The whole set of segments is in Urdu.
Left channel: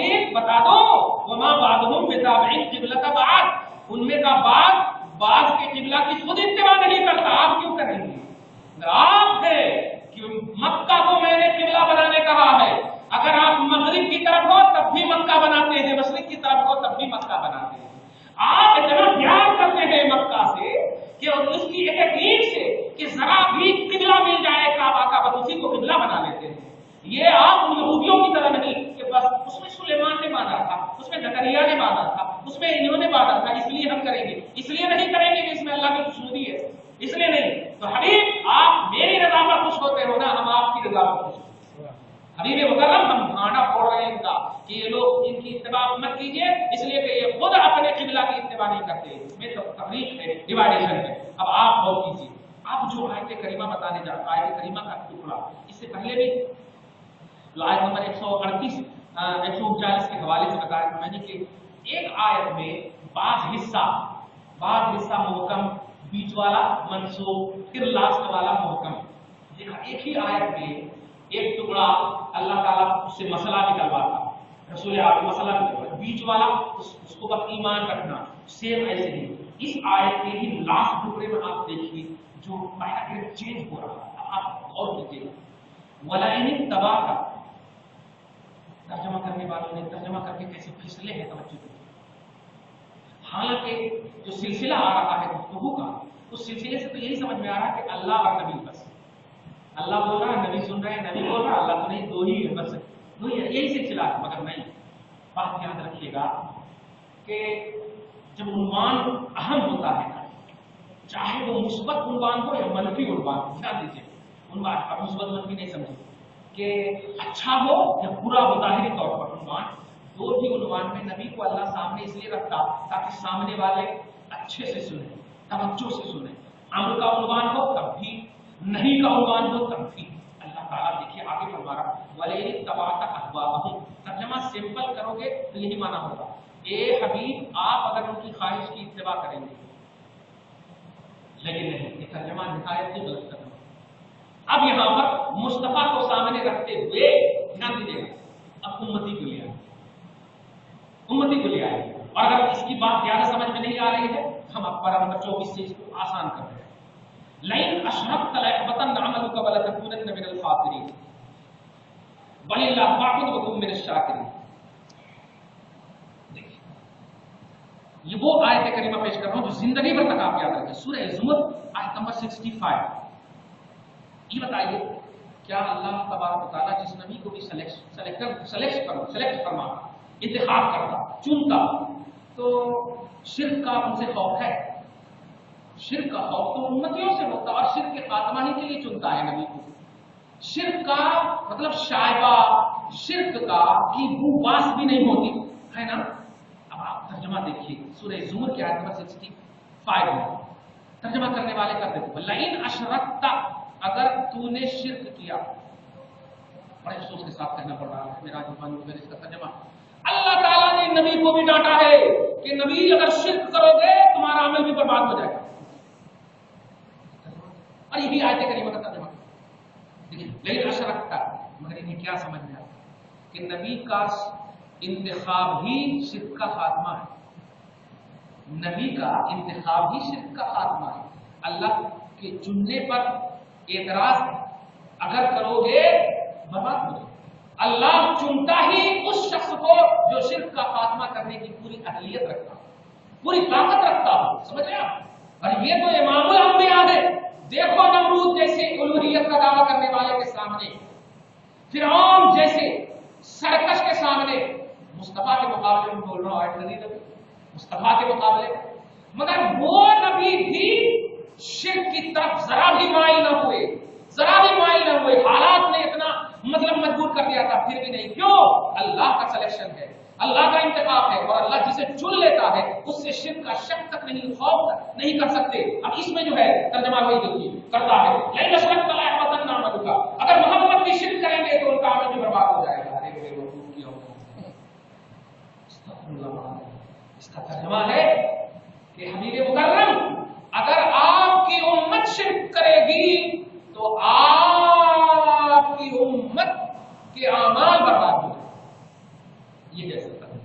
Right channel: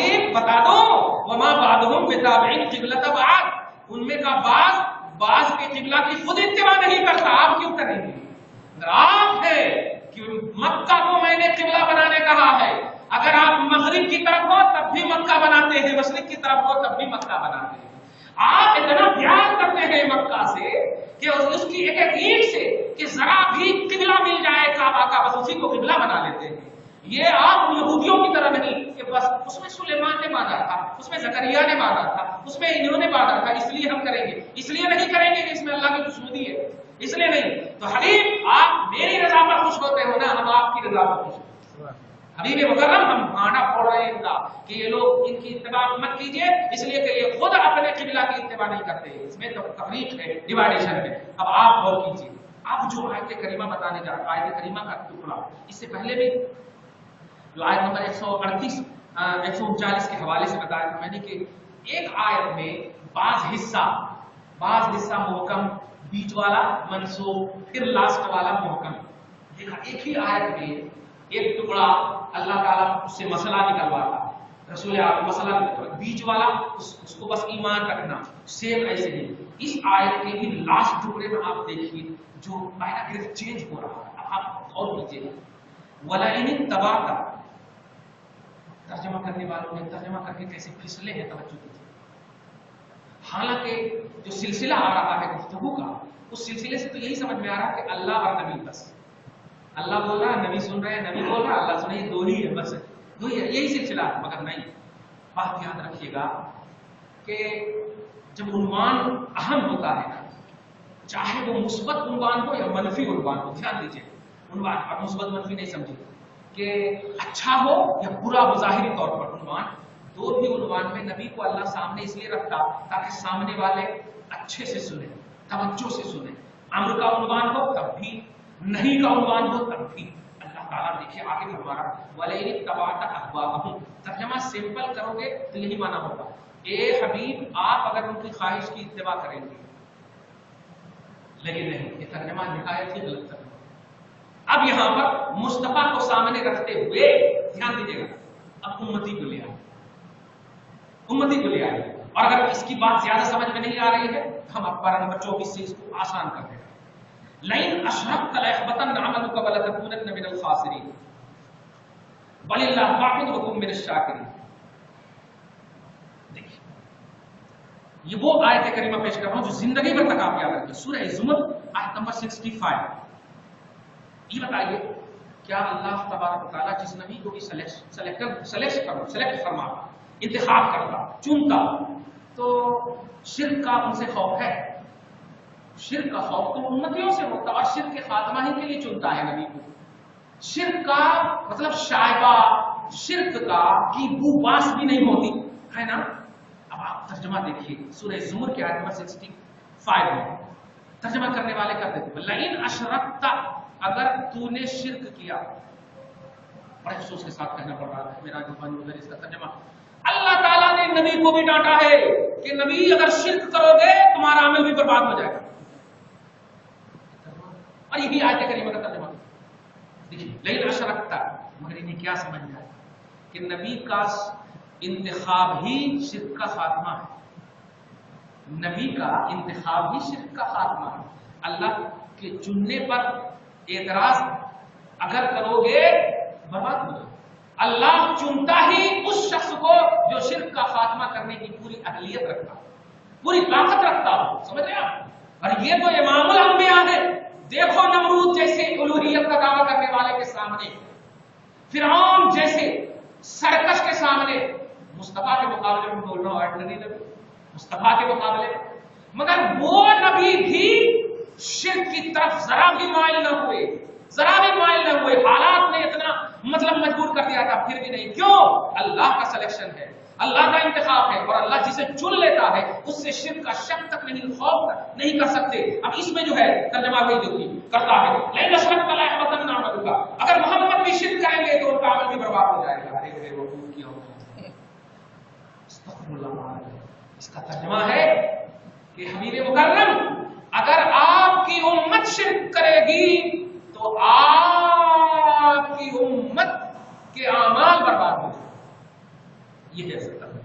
حبیب بتا دو وما بعضهم بتابعین قبلۃ بعض، ان میں کا بعض کے قبلہ کی خود اتباع نہیں کرتا، آپ کیوں کریں گے؟ اگر آپ ہے کہ مکہ کو میں نے قبلہ بنانے کہا ہے، اگر آپ مغرب کی طرف ہو تب بھی مکہ بناتے ہیں، مشرق کی طرف ہو تب بھی مکہ بناتے ہیں، آپ اتنا پیار کرتے ہیں مکہ سے کہ اس کی ایک ایک اینٹ سے کہ ذرا بھی قبلہ مل جائے کعبہ کا بس اسی کو قبلہ بنا لیتے ہیں۔ یہ آپ یہودیوں کی طرح نہیں کہ بس اس میں سلیمان نے مانا تھا، اس میں زکریا نے مانا تھا، اس میں انہوں نے مانا تھا، اس لیے ہم کریں گے، اس لیے نہیں کریں گے کہ اس میں اللہ کی خوشنودی ہے، اس لیے نہیں۔ تو حبیب آپ میری رضا پر خوش ہوتے ہو نا، ہم آپ کی رضا پر خوش ہوتے ہیں۔ حبیب مکرم ہم گانا پڑھ رہے ہیں ان کا کہ یہ لوگ ان کی اتباع مت کیجئے، اس لیے کہ یہ خود اپنے قبلہ کی اتباع نہیں کرتے، اس میں تو تفریق ہے، ڈیوائیڈیشن ہے۔ اب آپ غور کیجئے، اب جو آیت کریمہ بتانے جا رہا ہے، آیت کریمہ کا ٹکڑا، اس سے پہلے بھی جو آیت نمبر 138 139 کے حوالے سے بتایا تھا میں نے کہ ایک آیت میں بعض حصہ محکم، بیچ والا منسوخ، پھر لاسٹ والا محکم۔ دیکھا ایک ہی آیت میں ایک ٹکڑا اللہ تعالیٰ اس سے مسئلہ نکلواتا، رسول آپ مسئلہ نکلواتا، بیچ والا اس کو بس ایمان رکھنا، سیم ایسے ہی اس آیت کے بھی لاسٹ ٹکڑے میں آپ دیکھیے جو پیراگراف چینج ہو رہا ہے، آپ غور کیجیے گا وَلَئِنِ اتَّبَعْتَ، ترجمہ کرنے والوں نے ترجمہ کر کے کیسے پھسلے ہیں، توجہ کیجیے۔ حالانکہ جو سلسلہ آ رہا ہے گفتگو کا، اس سلسلے سے تو یہی سمجھ میں آ رہا ہے کہ اللہ اور نبی، بس اللہ بول رہا ہے، نبی سن رہے ہیں، نبی بول رہا ہے، اللہ سن رہے ہیں، دو ہی ہے، بس دو ہی ہے، یہی سلسلہ ہے۔ مگر نہیں، بات یاد رکھیے گا کہ جب عنوان اہم ہوتا ہے نا، چاہے وہ مثبت عنوان ہو یا منفی عنوان ہو، دھیان دیجیے، عنوان اب مثبت منفی نہیں سمجھے کہ اچھا ہو یا برا بظاہری طور پر عنوان، دو بھی عنوان میں نبی کو اللہ سامنے اس لیے رکھتا تاکہ سامنے والے اچھے سے سنیں، توجہ سے سنیں۔ امر کا عنوان ہو تب بھی، نہیں کا عنوان ہو تب بھی۔ اللہ تعالیٰ دیکھیے آگے فرما رہا وَلَئِنِ اتَّبَعْتَ أَهْوَاءَهُمْ، ترجمہ سمپل کرو گے تو یہی معنی ہوگا، اے حبیب آپ اگر ان کی خواہش کی اتباع کریں گے، لیکن نہیں، یہ ترجمہ نہایت ہی غلط ترجمہ۔ اب یہاں پر مصطفیٰ کو سامنے رکھتے ہوئے دھیان دیجیے گا، اب امتی کو لے آئے، امتی کو لے آئے، اور اگر اس کی بات زیادہ سمجھ میں نہیں آ رہی ہے ہم اب پارہ نمبر 24 سے اس کو آسان کر دیں۔ لَئِنْ أَشْرَكْتَ لَيَحْبَطَنَّ عَمَلُكَ وَلَتَكُونَنَّ مِنَ الْخَاسِرِينَ بَلِ اللَّهُ فَاعْبُدْ وَكُن مِنَ الشَّاكِرِينَ۔ دیکھیے یہ وہ آیت کریمہ پیش کر رہا ہوں جو زندگی بھر تک آپ یاد رکھیں، سورہ زمر آیت نمبر 65۔ یہ بتائیے کیا اللہ تبارک و تعالیٰ جس نبی کو بھی سلیکٹ فرماتا، انتخاب کرتا، چنتا، تو شرک کا ان سے خوف ہے؟ شرک کا خوف تو امتیوں سے ہوتا، اور شرک کے خاتمہ ہی کے لیے چنتا ہے نبی کو۔ شرک کا مطلب شائبہ، شرک کا کی بو باس بھی نہیں ہوتی ہے نا۔ اب آپ ترجمہ دیکھیے سورہ زمر کی آیت نمبر 65 میں ترجمہ کرنے والے کا دیکھو، لَئِنْ أَشْرَكْتَ، اگر تو نے شرک کیا، بڑے افسوس کے ساتھ کہنا پڑ رہا ہے میرا جوان ادھر اس کا ترجمہ، اللہ تعالیٰ نے نبی کو بھی ڈانٹا ہے کہ نبی اگر شرک کرو گے تمہارا عمل بھی برباد ہو جائے گا، اور یہی آیت کریمہ کا ترجمہ دیکھیے لَئِنْ أَشْرَكْتَ۔ مگر انہیں کیا سمجھ میں آیا کہ نبی کا انتخاب ہی شرک کا خاتمہ ہے، نبی کا انتخاب ہی شرک کا خاتمہ ہے۔ اللہ کے چننے پر اعتراض اگر کرو گے برباد ہو جائے۔ اللہ چنتا ہی اس شخص کو جو شرک کا خاتمہ کرنے کی پوری اہلیت رکھتا، پوری طاقت رکھتا ہو، سمجھ رہے آپ؟ اور یہ تو امام الانبیاء ہے۔ دیکھو نمرود جیسے الوہیت کا دعویٰ کرنے والے کے سامنے، فرعون جیسے سرکش کے سامنے، مصطفیٰ کے مقابلے میں بول رہا ہوں، آرڈنری نبی مصطفیٰ کے مقابلے، مگر وہ نبی بھی شرک کی طرف ذرا بھی مائل نہ ہوئے، ذرا بھی مائل نہ ہوئے۔ حالات نے اتنا مطلب مجبور کر دیا تھا، پھر بھی نہیں۔ کیوں؟ اللہ کا سلیکشن ہے، اللہ کا انتخاب ہے، اور اللہ جسے چن لیتا ہے اس سے شرک کا شک تک نہیں، خوف نہیں کر سکتے۔ اب اس میں جو ہے ترجمہ وہی جو کرتا ہے، لَئِنْ أَشْرَكْتَ لَيَحْبَطَنَّ عَمَلُكَ، اگر محمد بھی شرک کریں گے تو ان کا عمل بھی برباد ہو جائے گا۔ ارے میرے وقوف کی ہوگا، استغفر اللہ۔ اس کا ترجمہ ہے کہ حبیب مکرم اگر آپ کی امت شرک کرے گی تو آپ کی امت کے اعمال برباد ہو جائیں، یہ ہے ستر،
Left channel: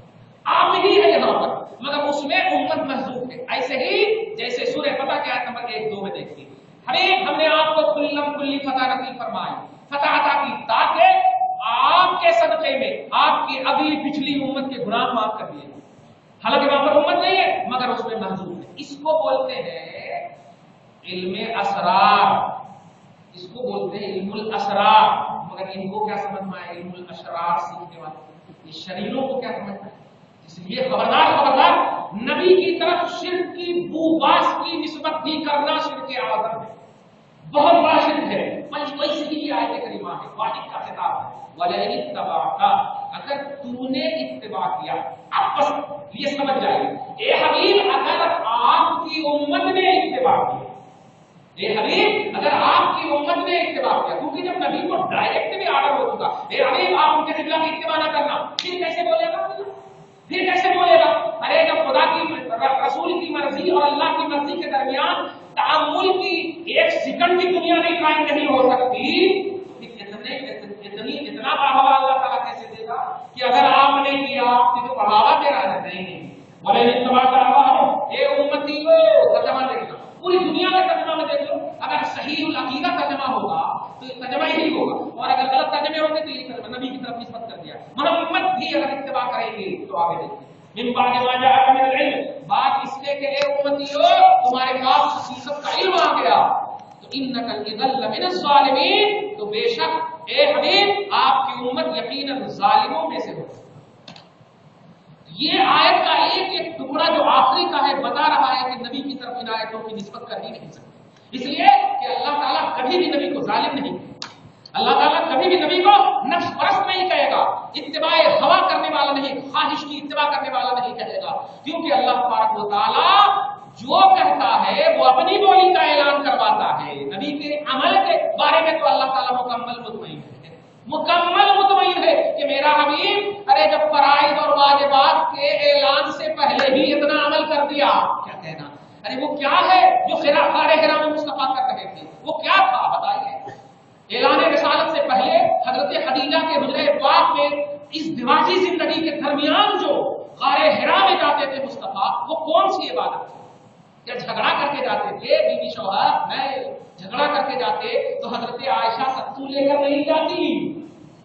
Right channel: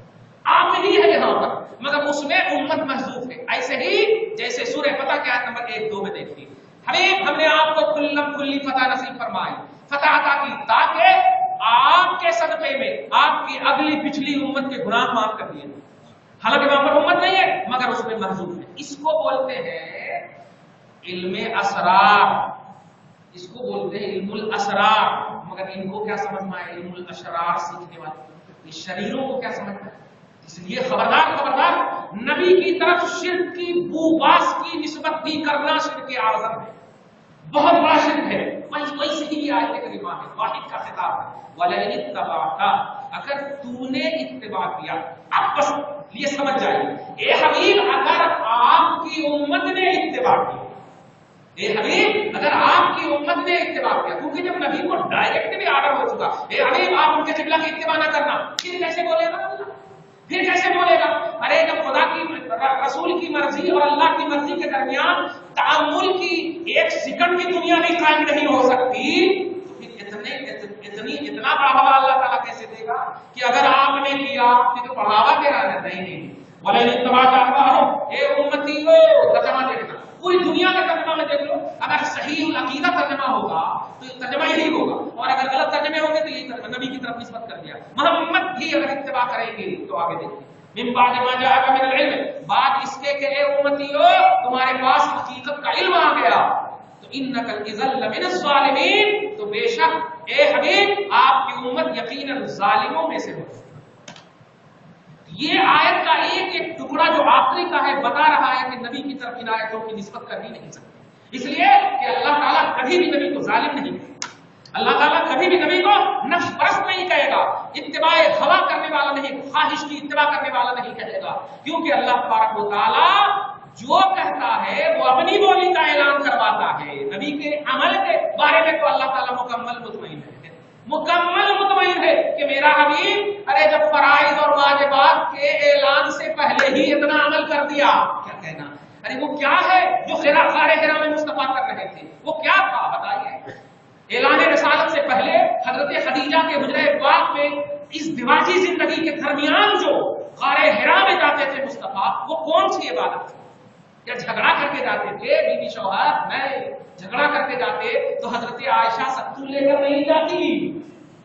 آپ میں ہی ہے یہاں پر، مگر اس میں امت محذوف ہے۔ ایسے ہی جیسے سورہ فتح کے آیت نمبر 1-2 میں دیکھیے، حبیب ہم نے آپ کو کھلی فتح نصیب فرمائی، فتح عطا کی تاکہ آپ کے صدقے میں آپ کی اگلی پچھلی امت کے گناہ معاف کر دیے۔ حالانکہ وہاں پر امت نہیں ہے مگر اس میں محذوف ہے۔ اس کو بولتے ہیں علم اسرار، اس کو بولتے ہیں علم الاسرار، مگر ان کو کیا سمجھنا ہے؟ علم الاشرار سیکھنے والے، اس شریروں کو کیا سمجھنا ہے؟ اس لیے خبردار خبردار، نبی کی طرف شرک کی بو باس کی نسبت بھی کرنا شرک اعظم ہے، بہت بڑا شرک ہے۔ ویسے ہی آیت کریمہ میں واحد کا خطاب ہے، وَلَئِنِ اتَّبَعْتَ، اگر تو نے اتباع کیا، اب بس یہ سمجھ جائیے، اے حبیب اگر آپ کی امت نے اتباع کیا، اے حبیب اگر آپ کی امت نے اتباع کیا، کیونکہ جب نبی کو ڈائریکٹ بھی آرڈر ہو چکا، اے حبیب آپ ان کے قبلہ کی اتباع نہ کرنا، پھر کیسے بولے گا اللہ؟ پھر کیسے بولے گا؟ ارے جب خدا کی رسول کی مرضی اور اللہ کی مرضی کے درمیان تعامل کی ایک سیکنڈ بھی دنیا میں قائم نہیں ہو سکتی، تو پھر اتنا بڑھاوا اللہ تعالیٰ کیسے دے گا کہ اگر آپ نے کیا تو بڑھاوا دے رہا ہے؟ نہیں، بولے نہیں تباہ ہو اے امتیو، ترجمہ دیکھنا پوری دنیا کا ترجمہ میں دیکھ لو، اگر صحیح العقیدہ ترجمہ ہوگا تو ترجمہ یہی ہوگا، اور اگر غلط ترجمے ہوں گے تو یہی ترجمہ نبی کی طرف نسبت کر دیا۔ محمد بھی اگر اتباع کریں گے تو آگے دیکھیں، من بعد ما جاءک من العلم، بات اس کے کہ اے امتیو تمہارے پاس حقیقت کا علم آ گیا، تو انک اذا لمن الظالمین، تو بے شک اے حبیب آپ کی امت یقیناً ظالموں میں سے ہو۔ یہ آیت کا ایک ایک ٹکڑا جو آخری کا ہے بتا رہا ہے کہ نبی کی طرف ان آیتوں کی نسبت کر ہی نہیں سکتے، اس لیے کہ اللہ تعالیٰ کبھی بھی نبی کو ظالم نہیں کہے گا، اللہ تعالیٰ کبھی بھی نبی کو نفس پرست نہیں کہے گا، اتباع ہوا کرنے والا نہیں، خواہش کی اتباع کرنے والا نہیں کہے گا، کیونکہ اللہ تبارک و تعالیٰ جو کہتا ہے وہ اپنی بولی کا اعلان کرواتا ہے۔ نبی کے عمل کے بارے میں تو اللہ تعالیٰ مکمل مطمئن ہے، مکمل مطمئن ہے کہ میرا حبیب ارے جب فرائض اور واجبات کے اعلان سے پہلے ہی اتنا عمل کر دیا، کیا کہنا؟ ارے وہ کیا ہے جو خار حرا میں مصطفیٰ کر رہے تھے، وہ کیا تھا بتائیے؟ اعلان رسالت سے پہلے حضرت خدیجہ کے حجرہ پاک میں اس دماغی زندگی کے درمیان جو غار حرا میں جاتے تھے مصطفیٰ، وہ کون سی عبادت تھی؟ کیا جھگڑا کر کے جاتے تھے بیوی شوہر؟ نہیں، جھگڑا کر کے جاتے تو حضرت عائشہ ستو لے کر نہیں جاتی،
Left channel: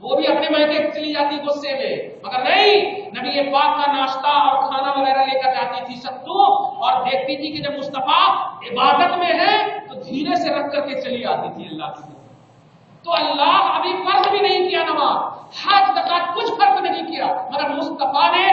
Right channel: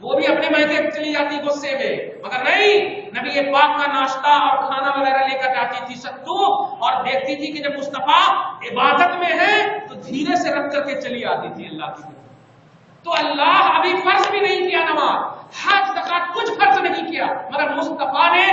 وہ بھی اپنے میکے چلی جاتی غصے میں، مگر نہیں، نبی پاک کا ناشتہ اور کھانا وغیرہ لے کر جاتی تھی ستو، اور دیکھتی تھی کہ جب مصطفیٰ عبادت میں ہے تو دھیرے سے رکھ کر کے چلی آتی تھی اللہ کی طرف۔ تو اللہ ابھی فرض بھی نہیں کیا نماز، حج زکات کچھ فرض نہیں کیا، مگر مصطفیٰ نے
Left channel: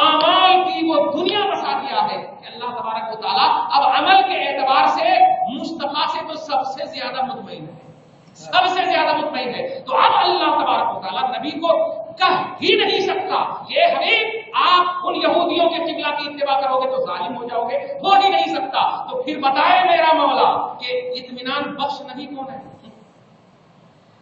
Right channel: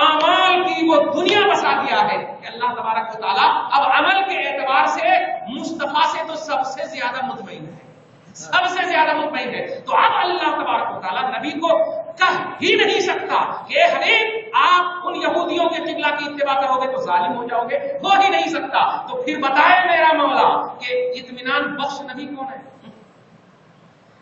اعمال کی وہ دنیا بسا دیا ہے کہ اللہ تبارک و تعالیٰ اب عمل کے اعتبار سے مصطفیٰ سے تو سب سے زیادہ مطمئن ہے، سب سے زیادہ مطمئن ہے۔ تو اب اللہ تبارک و تعالیٰ نبی کو کہہ ہی نہیں سکتا کہ اے حبیب آپ ان یہودیوں کے قبلہ کی اتباع کرو گے تو ظالم ہو جاؤ گے، ہو ہی نہیں سکتا۔ تو پھر بتائے میرا مولا کہ اطمینان بخش نبی کون ہے؟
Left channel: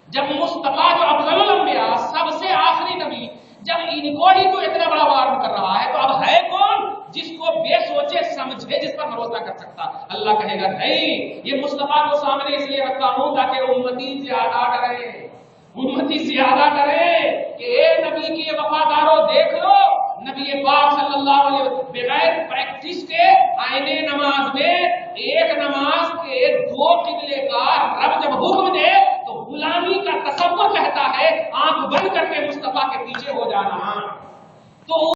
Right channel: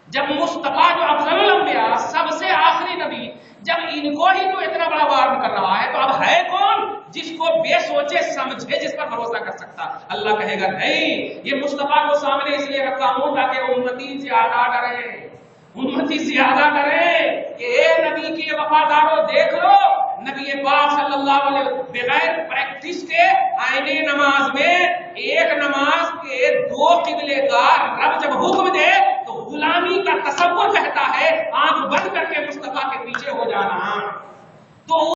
جب مصطفیٰ جو افضل الانبیاء سب سے آخری نبی، جب ان کو ہی تو اتنا بڑا وارن کر رہا ہے، تو اب ہے کون جس کو بے سوچے سمجھے جس پر بھروسہ کر سکتا؟ اللہ کہے گا نہیں، یہ مصطفیٰ کو سامنے اس لیے رکھا ہوں تاکہ امتی زیادہ ڈرے، امتی زیادہ ڈرے کہ اے نبی کی وفاداروں دیکھ لو، نبی پاک صلی اللہ علیہ وسلم بغیر پریکٹس کے آئینے نماز میں ایک نماز کے 2 قبلے کا رب جب حکم دے تو غلامی کا تصور کہتا ہے آنکھ بند کر کے مصطفیٰ کے پیچھے ہو جانا۔ تو